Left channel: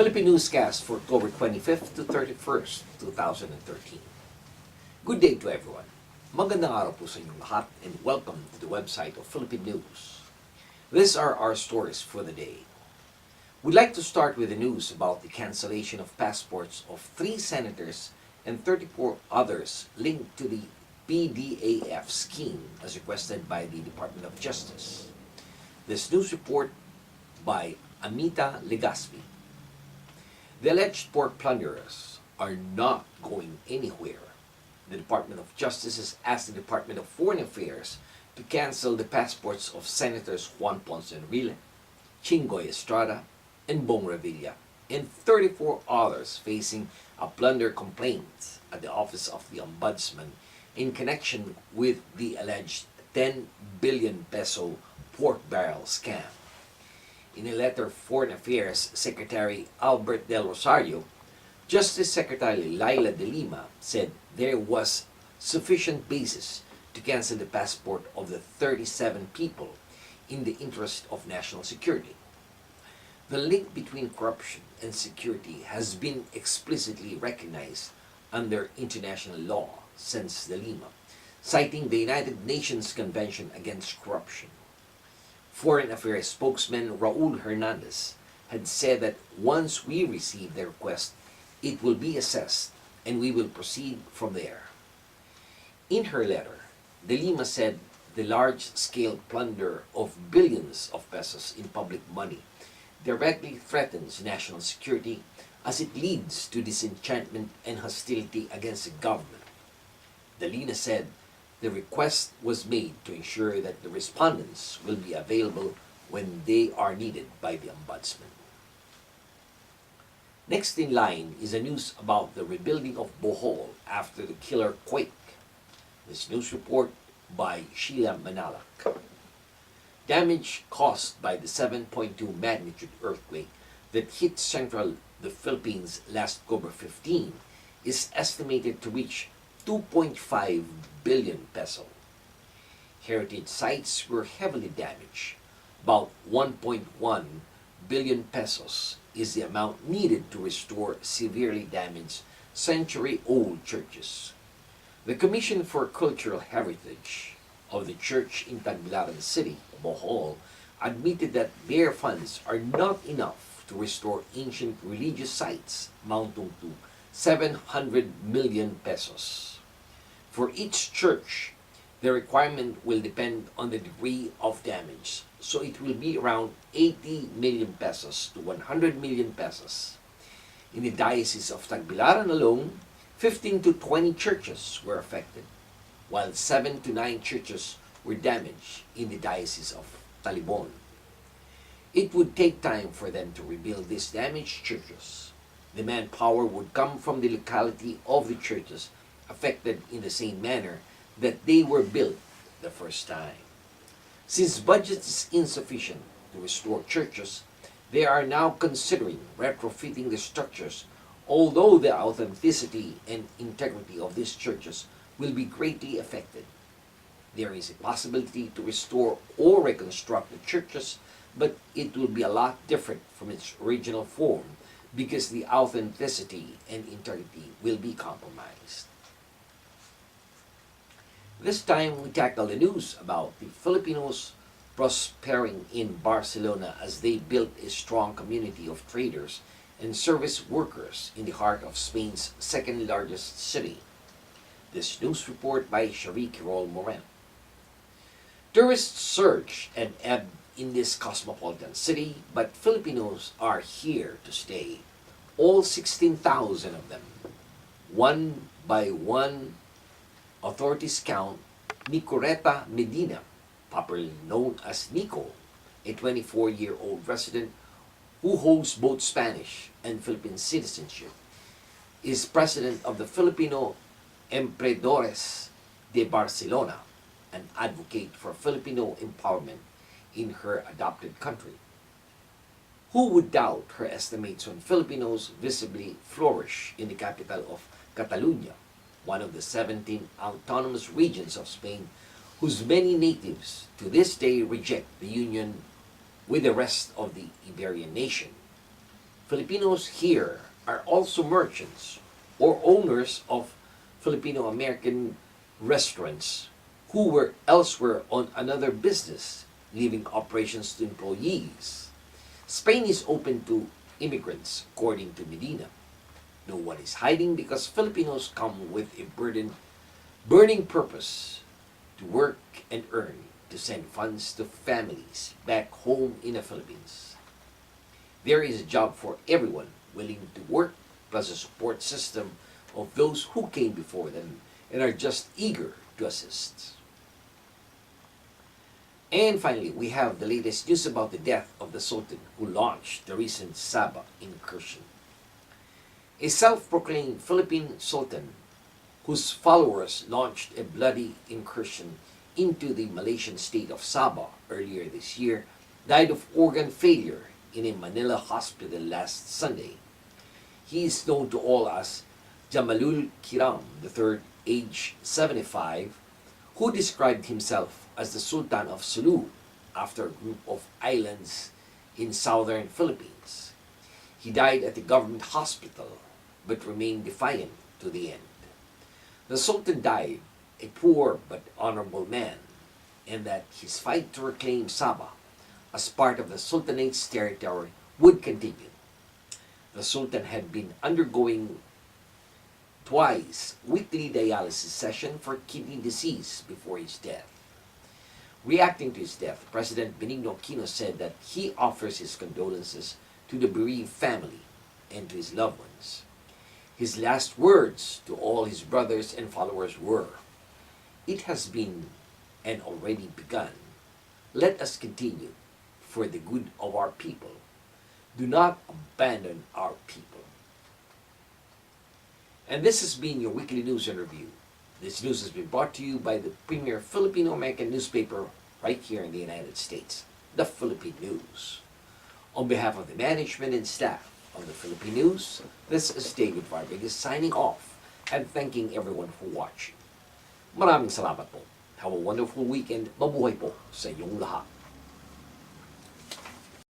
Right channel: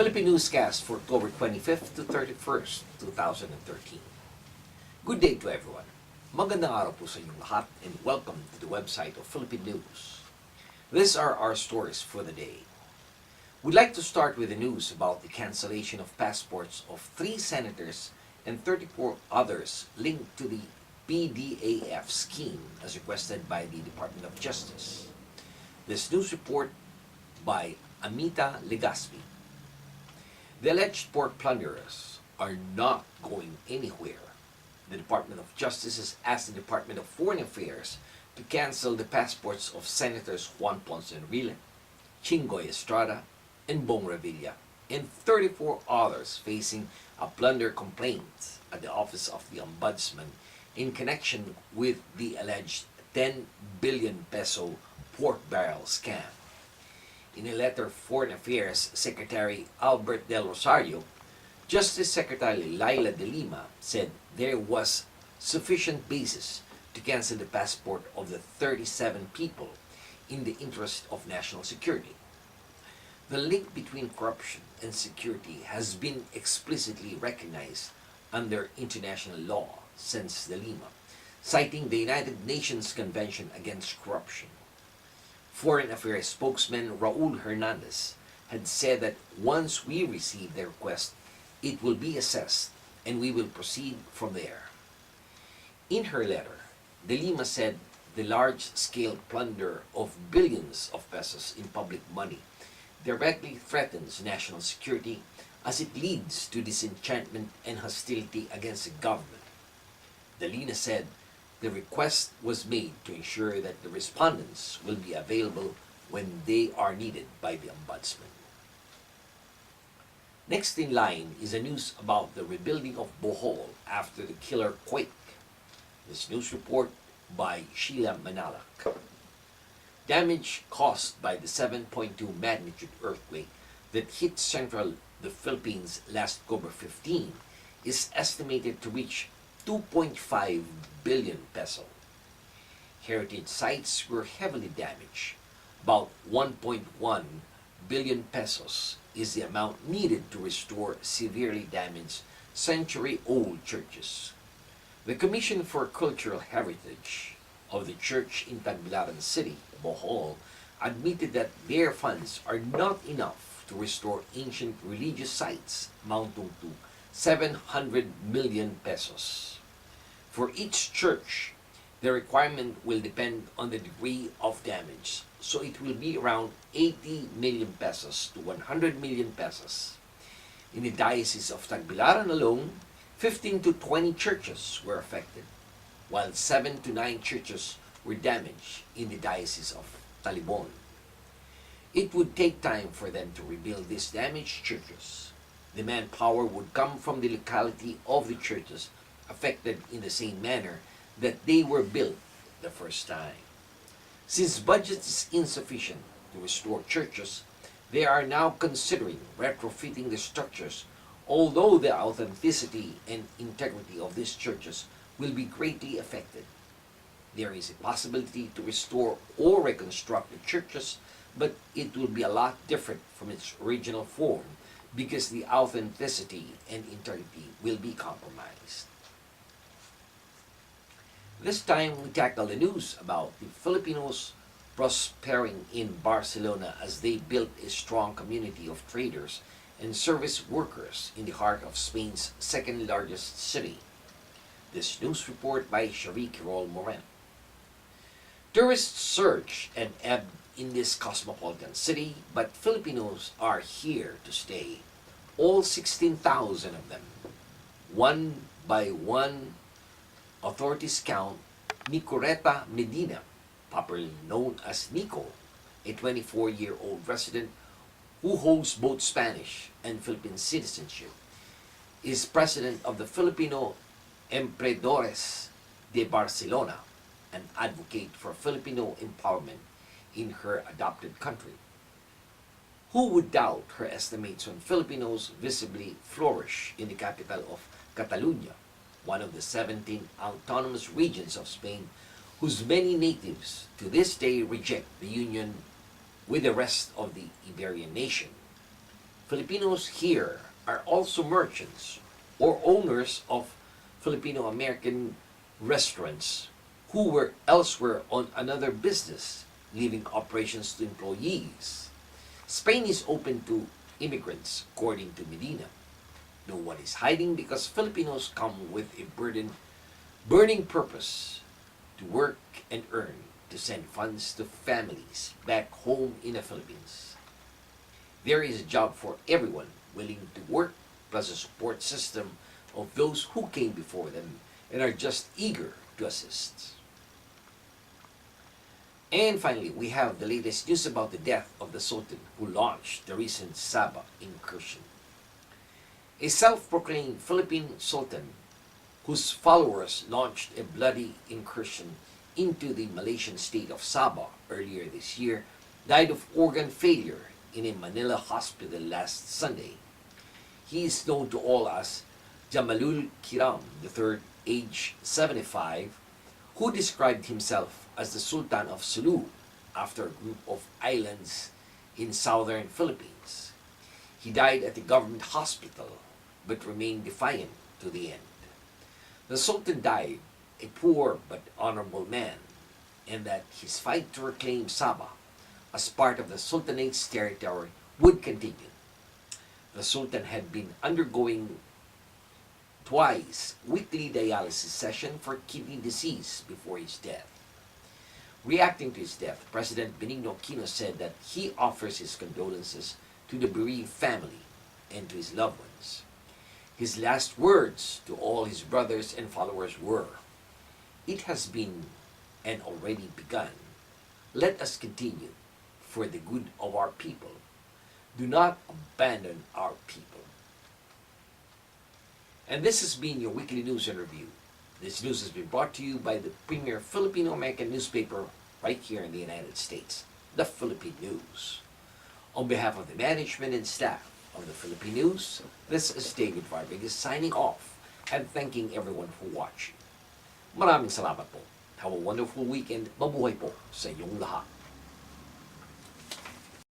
Philippine Newscast for October 25th to 31st, 2013. Good day to everyone. Magandang araw po sa inyong lahat and welcome to the website of Philippine News. These are our stories for the day. We'd like to start with the news about the cancellation of passports of 3 senators and 34 others linked to the PDAF scheme as requested by the Department of Justice. This news report by Amita Legaspi. The alleged pork plunderers are not going anywhere. The Department of Justice has asked the Department of Foreign Affairs to cancel the passports of Senators Juan Ponce Enrile, Chingoy Estrada, and Bong Revilla, and 34 others facing a plunder complaint at the Office of the Ombudsman in connection with the alleged 10 billion peso pork barrel scam. In a letter, Foreign Affairs Secretary Albert Del Rosario, Justice Secretary Laila de Lima said there was sufficient basis to cancel the passport of the 37 people in the interest of national security. The link between corruption and security has been explicitly recognized under international law, says de Lima, citing the United Nations Convention Against Corruption. Foreign Affairs spokesman Raul Hernandez had said that once we receive the request, it will be assessed and we will proceed from there. In her letter, de Lima said the large-scale plunder of billions of pesos in public money directly threatens national security as it leads to disenchantment and hostility against the government. De Lima said the request was made to ensure that the respondents will be available when they are needed by the Ombudsman. Next in line is a news about the rebuilding of Bohol after the killer quake. This news report by Sheila Manalak. Damage caused by the 7.2 magnitude earthquake that hit central the Philippines last October 15 is estimated to reach 2.5 billion peso. Heritage sites were heavily damaged. About 1.1 billion pesos is the amount needed to restore severely damaged century-old churches. The Commission for Cultural Heritage of the church in Tagbilaran City, Bohol, admitted that their funds are not enough to restore ancient religious sites amounting to 700 million pesos. For each church, the requirement will depend on the degree of damage, so it will be around 80 million pesos to 100 million pesos. In the Diocese of Tagbilaran alone, 15 to 20 churches were affected, while 7 to 9 churches were damaged in the Diocese of Talibon. It would take time for them to rebuild these damaged churches. The manpower would come from the locality of the churches affected in the same manner that they were built the first time. Since budget is insufficient to restore churches, they are now considering retrofitting the structures, although the authenticity and integrity of these churches will be greatly affected. There is a possibility to restore or reconstruct the churches, but it will be a lot different from its original form because the authenticity and integrity will be compromised. This time we tackle the news about the Filipinos prospering in Barcelona as they built a strong community of traders and service workers in the heart of Spain's second largest city. This news report by Cherie Quirol Moran. Tourists surge and ebb in this cosmopolitan city, but Filipinos are here to stay. All 16,000 of them. One by one, authorities count Nicoreta Medina, popularly known as Nico, a 24-year-old resident who holds both Spanish and Philippine citizenship, is president of the Filipino Emprendedores de Barcelona, an advocate for Filipino empowerment in her adopted country. Who would doubt her estimates when Filipinos visibly flourish in the capital of Catalonia, one of the 17 autonomous regions of Spain whose many natives to this day reject the union with the rest of the Iberian nation. Filipinos here are also merchants or owners of Filipino-American restaurants who were elsewhere on another business, leaving operations to employees. Spain is open to immigrants, according to Medina. No one is hiding because Filipinos come with a burning purpose to work and earn to send funds to families back home in the Philippines. There is a job for everyone willing to work, plus a support system of those who came before them and are just eager to assist. And finally, we have the latest news about the death of the Sultan who launched the recent Sabah incursion. A self-proclaimed Philippine Sultan whose followers launched a bloody incursion into the Malaysian state of Sabah earlier this year died of organ failure in a Manila hospital last Sunday. He is known to all as Jamalul Kiram III, age 75, who described himself as the Sultan of Sulu after a group of islands in southern Philippines. He died at the government hospital but remained defiant to the end. The Sultan died a poor but honorable man, and that his fight to reclaim Sabah as part of the Sultanate's territory would continue. The Sultan had been undergoing twice weekly dialysis session for kidney disease before his death. Reacting to his death, President Benigno Aquino said that he offers his condolences to the bereaved family and to his loved ones. His last words to all his brothers and followers were, "It has been and already begun. Let us continue for the good of our people. Do not abandon our people." And this has been your weekly news and review. This news has been brought to you by the premier Filipino-American newspaper right here in the United States, the Philippine News. On behalf of the management and staff of the Philippine News, this is David Vargas signing off and thanking everyone for watching. Maraming salamat po. Have a wonderful weekend. Mabuhay po sa inyong lahat.